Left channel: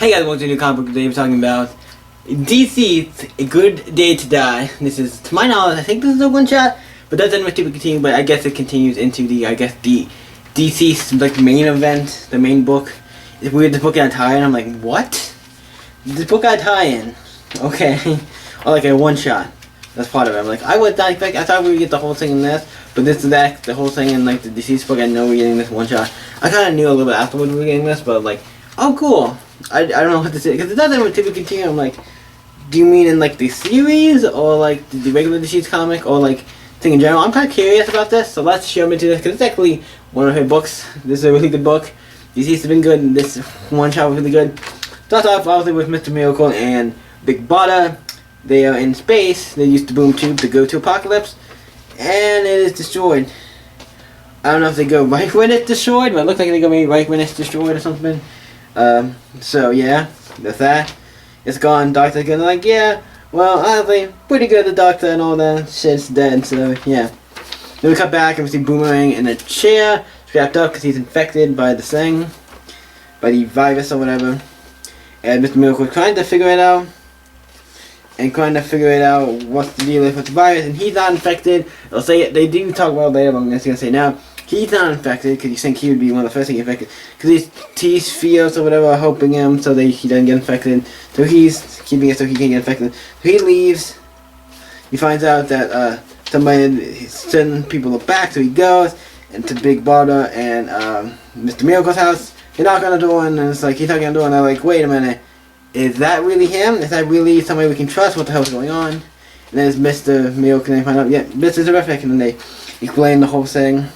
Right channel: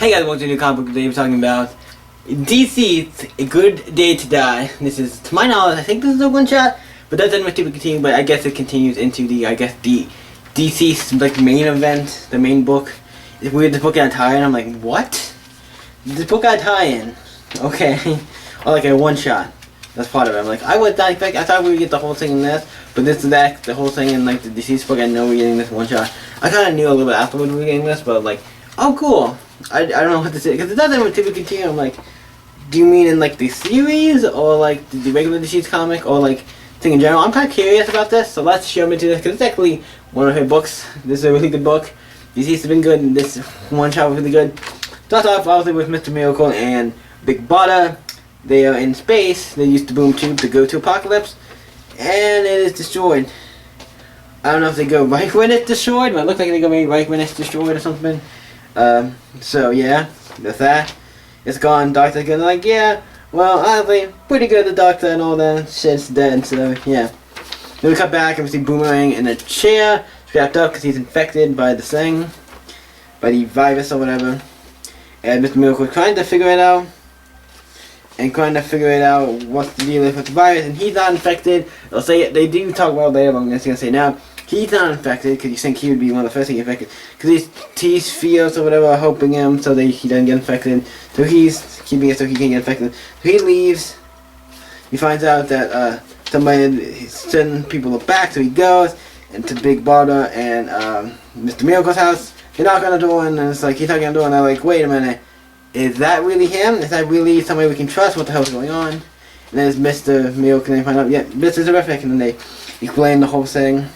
Hey guys, welcome to a new comic book. Today we're talking about dceased, A Good Day to Die. This is, to my knowledge, I think this is a one shot, but that doesn't really continue, but I guess it continues into the dceased, like, main event, the main book. It's weird, this book got a tie-in. I'm like, what? This book got a tie-in. Okay. Or like a one shot. That's part of it. I'm like, I would not expect, I thought we would get the whole thing in this, but this is that, the whole thing in like the dceased book. I know we're getting this one shot. I kind of knew a little bit afterward we were getting this, but like, oh cool. I don't know what to say, because it doesn't typically continue. I'm like, do you mean in like the series, or like the regular dceased comic, or like thing in general? I'm kind of curious about this, so let's jump into this, because it's actually one of her books. This is a really good book. Dceased has been good, and this one shot was really good. Starts off obviously with Mr. Miracle and Big Bada. They are in space. They use the boom tube to go to Apocalypse, and it is destroyed. I don't know if they go right when it's destroyed, but it looks like they go maybe right when it's destroyed or something. So yeah, that's that. It's gone. Doctor's gonna like, yeah, well, honestly, pretty good. The Doctor and all that shit's dead. So yeah. Then we cut back and we see Boomerang in a chair, strapped up because he's infected by the thing, by the virus or whatever. And Mr. Miracle trying to figure it out. And trying to figure it out what's the deal with the virus, and he's not infected. They'll say it, they do talk about it later, but I'm just gonna say now, he's not infected because you think he would be one of the first to get infected. Because his T's feels or whatever are helping him so that he doesn't get infected. So he's keeping it so he can't get infected. So he leaves. He finds out that somebody is sending people back, so he goes into Big Bada and Mr. Miracle's house. They knock on the door, and it's like he's knocking on the door, and they're like, wait a minute. Is that really him? Is that really somebody we can trust? What the hell's going on? And then it's Mr. Miracle, and they find out, yeah, Mr. Terrific, and then they explain the whole thing.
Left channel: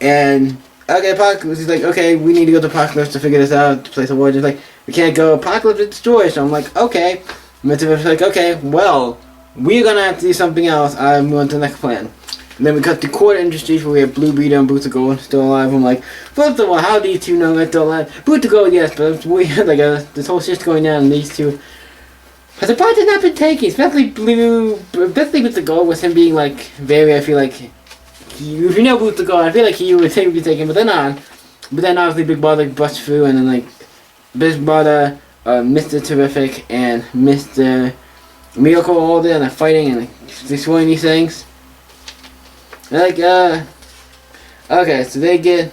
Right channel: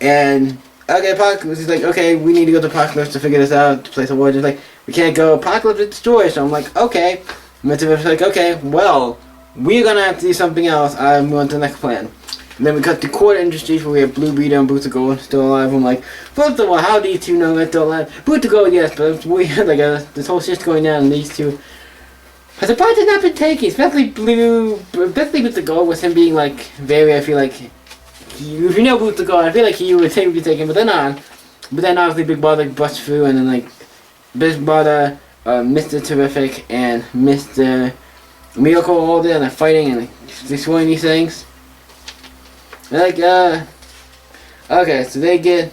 And, okay, Apocalypse is like, okay, we need to go to Apocalypse to figure this out, to place a war. Just like, we can't go, Apocalypse is destroyed. So I'm like, okay. Mr. Terrific's like, okay, well, we're gonna have to do something else. I'm going to the next plan. And then we cut to Court Industries where we have Blue Beetle and Boots of Gold still alive. I'm like, first of all, how do you two know they're still alive? Boots of Gold, yes, but it's weird, like, this whole shit's going down and these two. But the part has not been taken, especially Boots of Gold with him being, like, very, I feel like, if you know Boots of Gold, I feel like he would be taken, but they're not. But then obviously Big Brother busts through, and then, like, Big Brother, Mr. Terrific, and Mr. Miracle all there, and they're fighting and destroying these things. Like, okay, so they get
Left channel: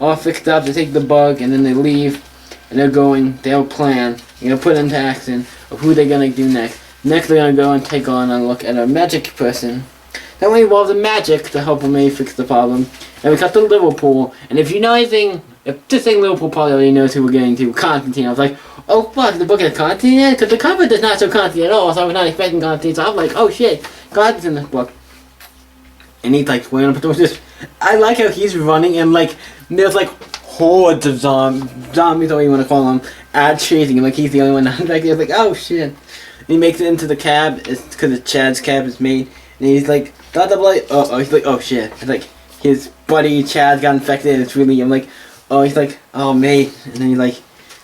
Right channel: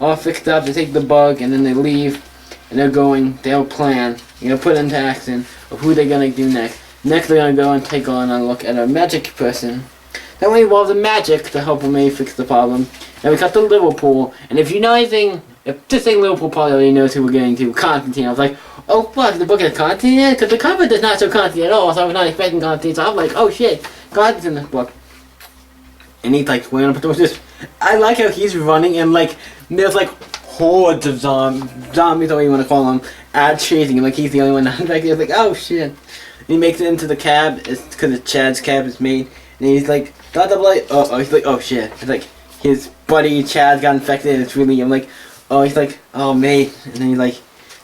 all fixed up, they take the bug, and then they leave, and they'll plan, put into action of who they're gonna do next. Next, they're gonna go and take on a look at a magic person. That one involves the magic to help them maybe fix the problem. And we cut to Liverpool, and if you know anything, if just saying Liverpool probably already knows who we're getting to, Constantine. I was like, oh fuck, the book has Constantine in it? Because the cover does not show Constantine at all, so I was not expecting Constantine, so I'm like, oh shit, Constantine's in this book. And he's like swinging up just I like how he's running and like there's like hordes of zombies, or you want to call them, chasing him. Like he's the only one not infected. He's like, oh shit. And he makes it into the cab. It's because Chad's cab is made. And he's like, he's like, oh shit. It's like his buddy Chad got infected. And it's really, I'm like, oh, he's like, oh mate. And then he like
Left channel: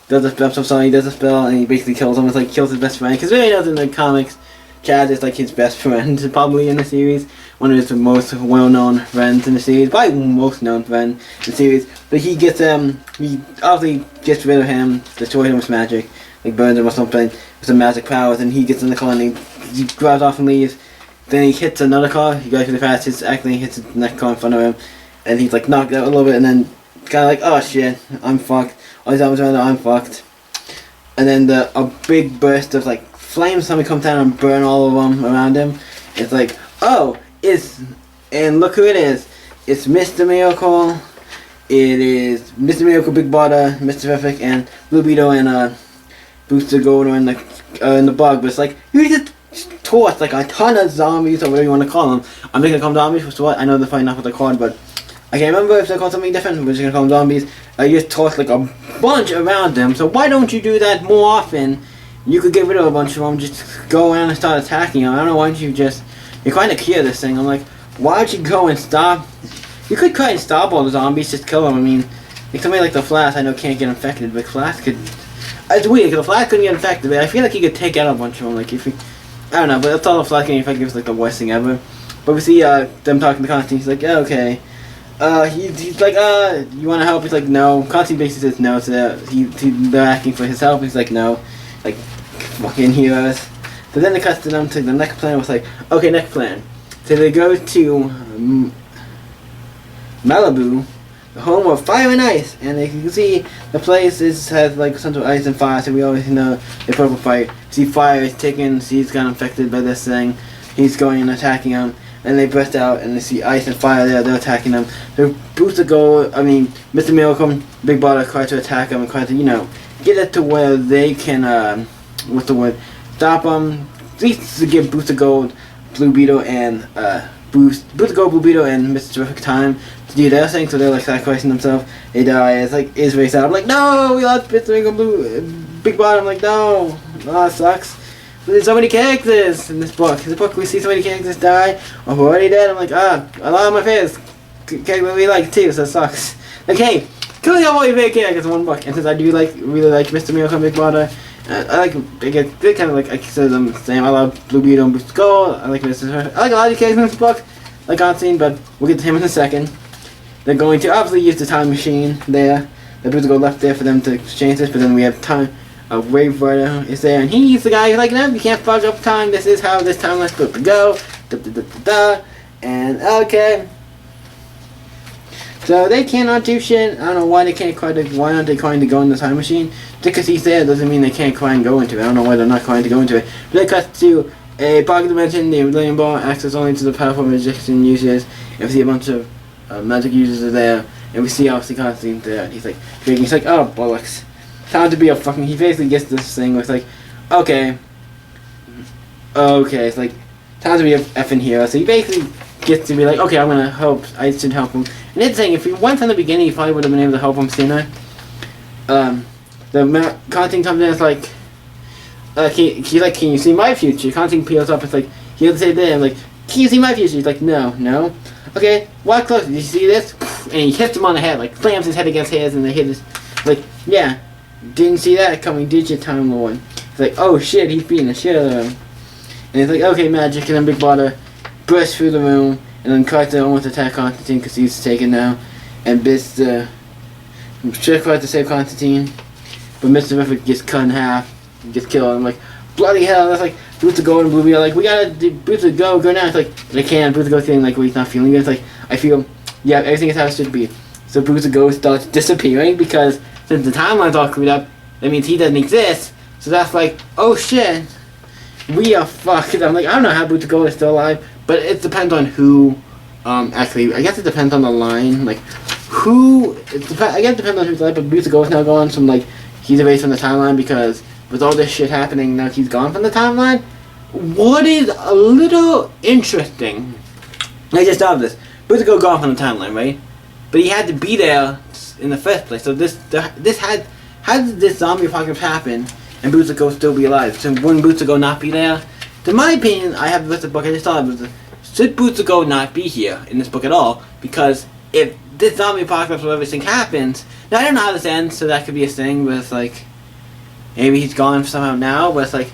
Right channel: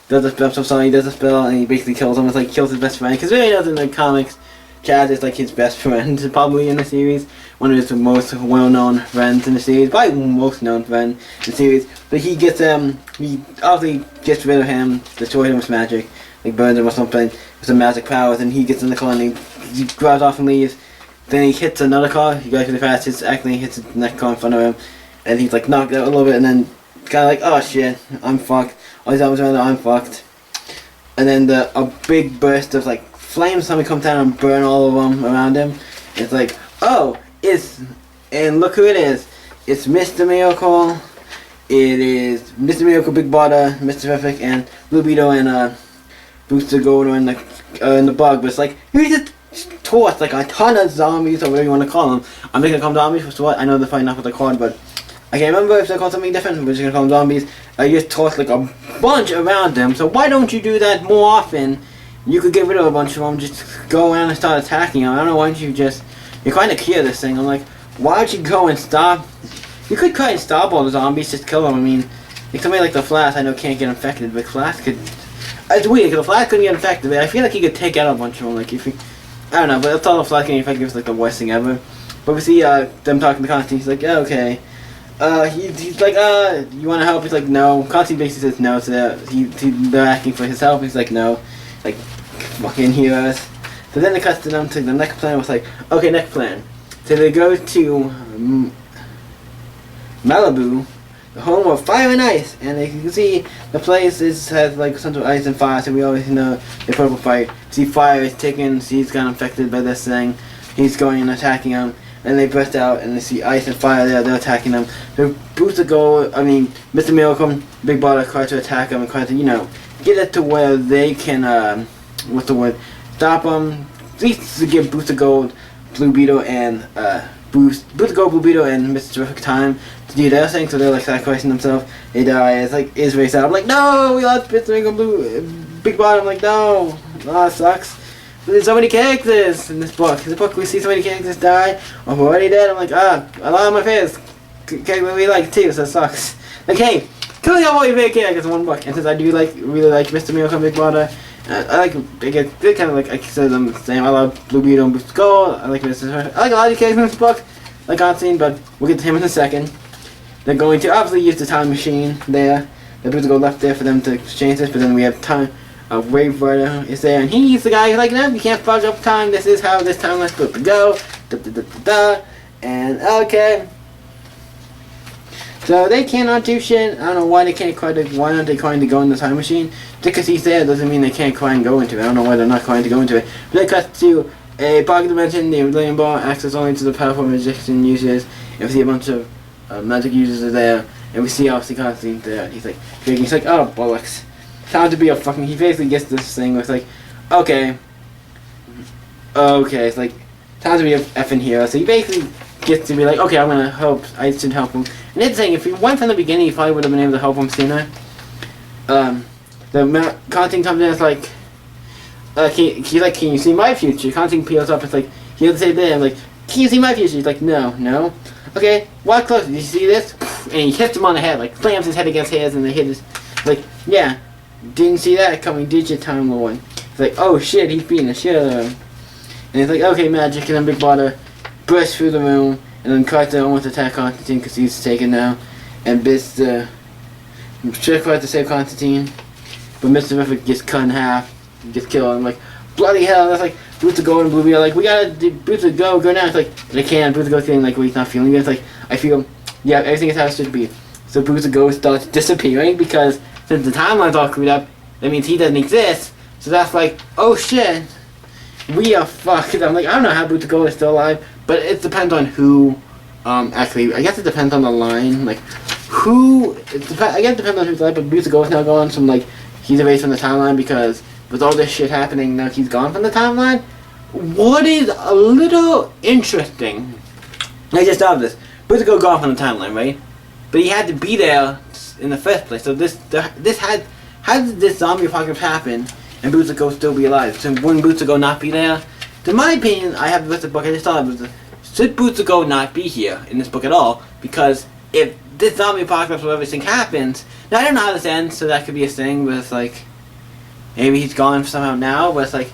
does a spell. I'm sorry, he does a spell and he basically kills him. It's like kills his best friend because really knows in the comics. Chad is like his best friend, probably in the series. One of his most well-known friends in the series, probably most known friend in the series. But he gets he obviously gets rid of him, destroys him with magic, like burns him or something with some magic powers. And he gets in the car and he grabs off and leaves. Then he hits another car. He goes really fast. He hits the next car in front of him, and he's like knocked out a little bit. And then kind of like, oh shit, I'm fucked. All these zombies around there, I'm fucked. And then a big burst of like flames suddenly come down and burn all of them around him. It's like, oh, and look who it is. It's Mr. Miracle. It is Mr. Miracle, Big Bada, Mr. Terrific, and Blue Beetle and Boots of Gold are in the bug. But it's like, you just tossed like a ton of zombies or whatever you want to call them. I'm just gonna call them zombies for what? I know they're fighting off what they're called, but I can't remember if they're called something different. We're just gonna call them zombies. I just tossed like a bunch around them. So why don't you do that more often? You could get rid of a bunch of them, just go around and start attacking them. I don't know, why don't you just, you're trying to cure this thing. I'm like, why don't you go and stop, you could try and stop all the zombies, just kill them. I mean, like somebody like the Flash, I know can't get infected, but Flash could, it's weird, because the Flash couldn't get infected, but I feel like he could take out a bunch of them, like if he, I don't know, but that's all the Flash getting infected is like the worst thing ever. But we see them talking to Constantine, he's like, yeah, okay, he's like, you want to help? He's like, no. Constantine basically says no, so they're asking for his help. He's like, no. Like, fucking heroes. So then they cut to them to the next plan. Was like, okay, next plan. So they go to Malibu, the home of fire and ice, and as you can see, the place has like central ice and fire. So we always know the purple fire. See, fire is taken. He's got infected by this thing. He's going and attacking him. And they burst out and they see ice and fire there, they're attacking them. They boost the goal, Mr. Miracle, Big Brother tries to attack them and tries to, get it to where they can, stop them. At least to give Booster Gold, Blue Beetle, and, Booster Gold, Blue Beetle, and Mr. Terrific time to do their thing, so they're, like, sacrificing themselves. They die, it's very sad. I'm like, no, we lost Mr. Miracle, Big Brother, I'm like, no, it sucks. There's so many characters in this book. In the book, we see so many characters die or who are already dead. I'm like, a lot of my favorites characters we like too, so it sucks. Like, hey, killing all your favorite characters in one book. And since I do really like Mr. Miracle and Big Brother, I get kind of like I consider them the same. I love Blue Beetle and Booster Gold. I like Mr. I like a lot of the characters in this book, like Constantine, but we'll get to him in a second. They're going to obviously use the time machine there. The Booster Gold left there for them to exchange this, but then we have time. A Wave Rider is there, and he's the guy who's like, no, you can't fuck up time, this is how this timeline's supposed to go, and okay. So they cannot do shit. I don't know why they can't why aren't they trying to go in the time machine? Just because he's there doesn't mean they can't try and go into it. I don't know why they're not trying to go into it. But they cut to a pocket dimension, the Millennium Ball, access only to the powerful magician users, and we see a bunch of magic users are there, and we see obviously Constantine there, and he's like, oh, bollocks. Time to be a fucking. He basically gets this thing where it's like, okay, it's like time to be a effing hero. So he basically gets to be like, okay, I'm gonna help. I should help him. And it's saying if he went from the beginning, he probably would have been able to help him sooner. The Constantine comes in. It's like, he's like, can you see my future? Constantine peels up. It's like he doesn't say that. I'm like, can you see my future? He's like, no. Okay, walk closer. Did you see this? And he hits him on the head, like slams his head against his, and the hit is like, yeah. Didn't see that coming, did you, Time Lord? He's like, oh shit, he's beating the shit out of him. And he's like, okay, magic, and then Big Brother bursts through the room, and then tries to almost attack Constantine because he's taken now. And Mr. tries to save Constantine, but Mr. Terrific gets cut in half, and gets killed. I'm like, bloody hell, that's like, Boots go and Blue Beetle, like, we gotta, Boots go now. It's like, but I can't, Boots go feeling like, well, he's not feeling good. It's like, I feel, yeah, everything is how it should be. So Boots starts disappearing because since the timeline's all screwed up, that means he doesn't exist. So that's like, oh shit, we are fucked. I'm like, I don't know how Boots is still alive, but it depends on who. Actually, I guess it depends on the line. Like, who? I guess it depends on who's alive. But Boots is now gone from like he's erased from the timeline because with all this shit happening, now he's gone from the timeline. What is a little interesting? I just thought of this. Boots is gone from the timeline, right? But he had to be there in the first place. So how did this zombie apocalypse happen and Bootsico still be alive? So wouldn't Bootsico not be there? To my opinion, I have this book, I just thought of it. Should Bootsico not be here in this book at all? Because if this zombie apocalypse or everything happens, now I don't know how this ends, so that could be a thing, but it's like, maybe he's gone somehow now, but it's like,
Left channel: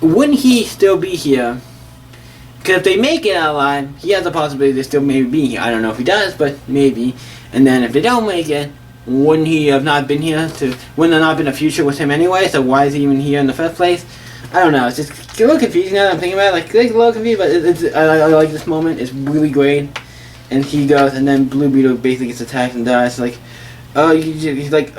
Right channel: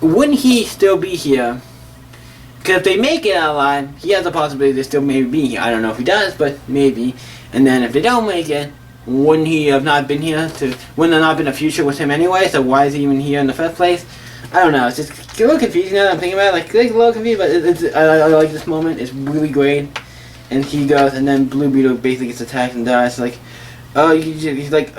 wouldn't he still be here? Because if they make it out alive, he has a possibility to still maybe be here. I don't know if he does, but maybe. And then if they don't make it, wouldn't he have not been here? Wouldn't there not been a future with him anyway? So why is he even here in the first place? I don't know. It's just a little confusing now that I'm thinking about it. Like, it's a little confused, but I like this moment. It's really great. And he goes, and then Blue Beetle basically gets attacked and dies. Like, he's like,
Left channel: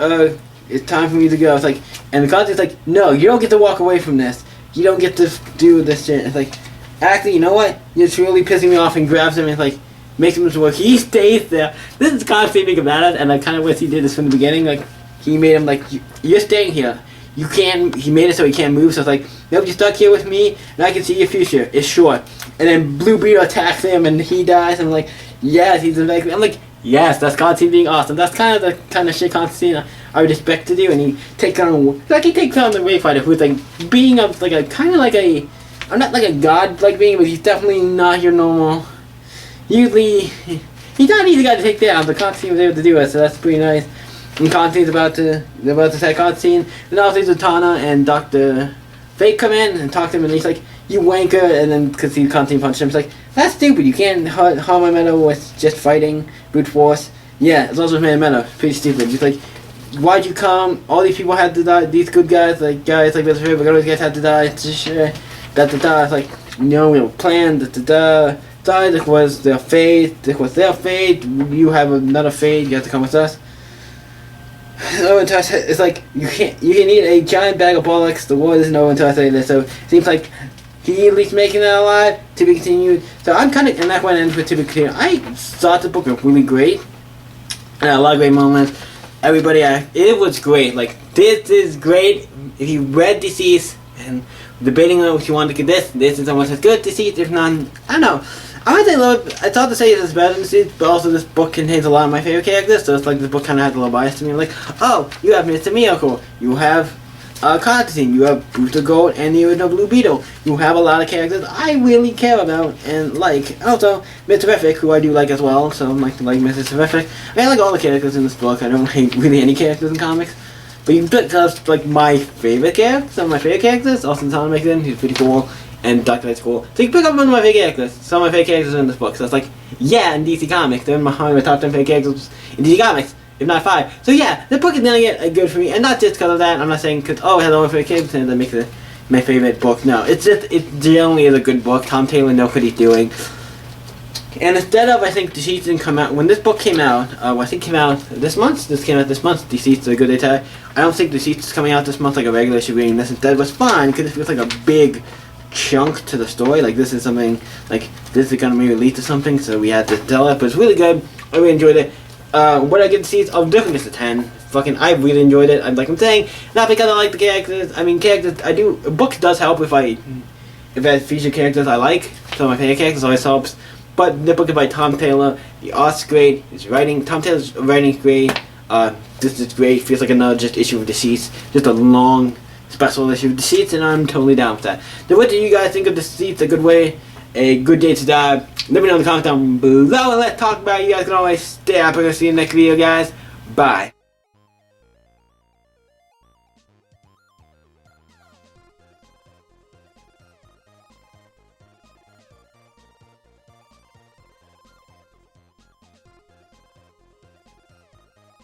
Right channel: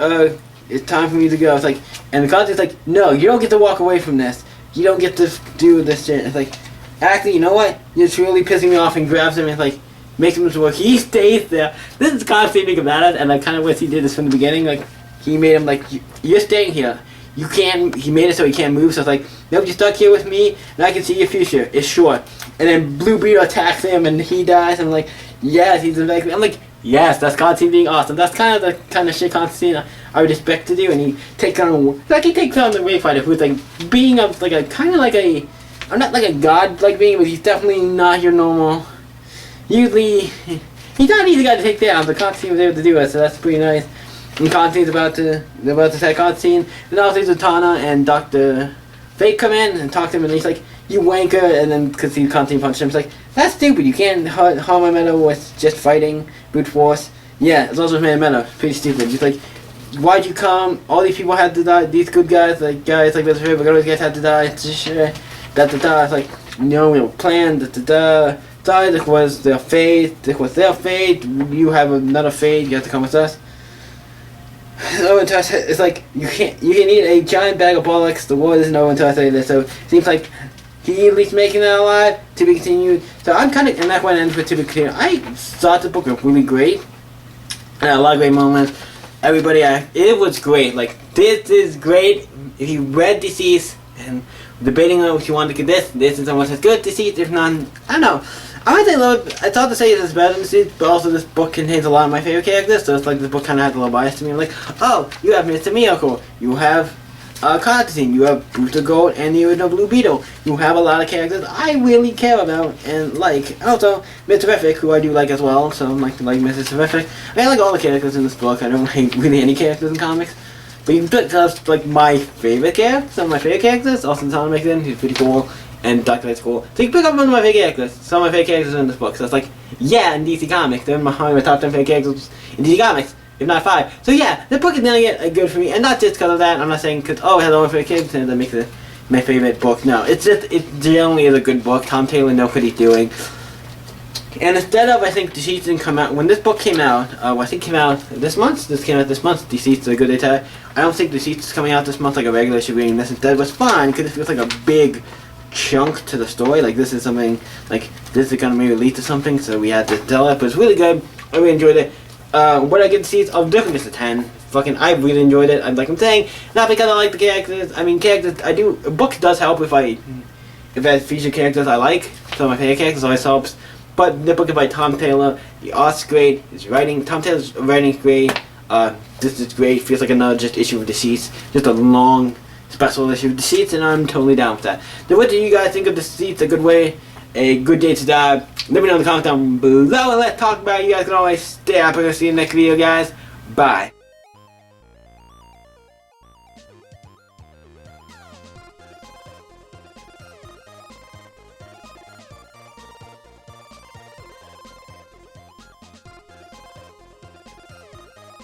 it's time for me to go. It's like, and the Constantine's like, no, you don't get to walk away from this. You don't get to do this shit. It's like, actually, you know what? You're truly pissing me off, and grabs him and like makes him to work. He stays there. This is Constantine being mad at, and I kind of wish he did this from the beginning. Like, he made him like, you're staying here. You can't. He made it so he can't move. So it's like, nope, you're stuck here with me, and I can see your future. It's short. And then Blue Beetle attacks him, and he dies. And I'm like, yes, he's a. I'm like, yes, that's Constantine being awesome. That's kind of the kind of shit Constantine I would expect to do. And he takes on the Wave Fighter, who's like being a like a kind of like a. I'm not like a god like being, but he's definitely not your normal. Usually, he's not an easy guy to take down, but Constantine was able to do it, so that's pretty nice. And Constantine's they're about to attack Constantine, and also Zatanna and Dr. Fate come in and talk to him, and he's like, you wanker, and then because he constantly punched him, it's like, that's stupid, you can't harm my meta with just fighting, brute force. Yeah, it's also made meta, pretty stupid. It's like, why'd you come, all these people had to die, these good guys like Mr. Favorite, all these guys had to die, it's like, no, we don't plan, die, this was their fate, you have another fate, you have to come with us. It's like, you can eat a giant bag of bollocks, the world isn't over until I say this, so it seems like he at least making it alive, to be continued. So I'm kind of, and that one ends with to be continued. I thought the book was really great, and a lot of great moments. Everybody, it was great, like, this is great. If you read Deceased, and debating on if you want to get this is someone says good, Deceased, if not, I don't know. I might say a little, it's hard to say it's better than Deceased, but also this book contains a lot of my favorite characters, so it's like this book kind of has a little bias to me. Like, oh, you have Mr. Miracle, you have Constantine, you have Booster Gold, and the original Blue Beetle. You have a lot of characters I really care about and like. Also, Mr. Terrific, who I do like as well, so I'm like Mr. Terrific. I like all the characters in this book. I don't like really any characters in comics. But you pick up like my favorite characters, some of my favorite characters. Austin Town makes in, he's pretty cool, and Dr. Knight's cool. So you can pick up one of my favorite characters, some of my favorite characters in this book. So it's like, yeah, in DC Comics, they're in my top 10 favorite characters in DC Comics, if not 5. So yeah, the book is gonna get good for me, and not just because of that. I'm not saying because, oh, it has all my favorite characters and that makes it my favorite book. No, it's just, it generally is a good book. Tom Taylor knows what he's doing. And instead of, I think, Deceased didn't come out, when this book came out, I think it came out this month, Deceased is a good day to I don't think Deceased is coming out this month like a regular issue reading. This instead was fine, because it feels like a big chunk to the story, like this is something, like, this is gonna maybe lead to something, so we had to tell it, but it's really good, I really enjoyed it. What I get Deceased, I'll definitely just a 10, I really enjoyed it, like I'm saying, not because I like the characters, a book does help if it features characters I like, some of my favorite characters always helps. But the book is by Tom Taylor. The art's great. His writing, Tom Taylor's writing's great. This is great. Feels like another just issue of Deceased. Just a long special issue of Deceased, and I'm totally down with that. So what do you guys think of Deceased? A good day to die? Let me know in the comments down below, and let's talk about it. You guys can always stay up. I'm gonna see you in the next video, guys. Bye.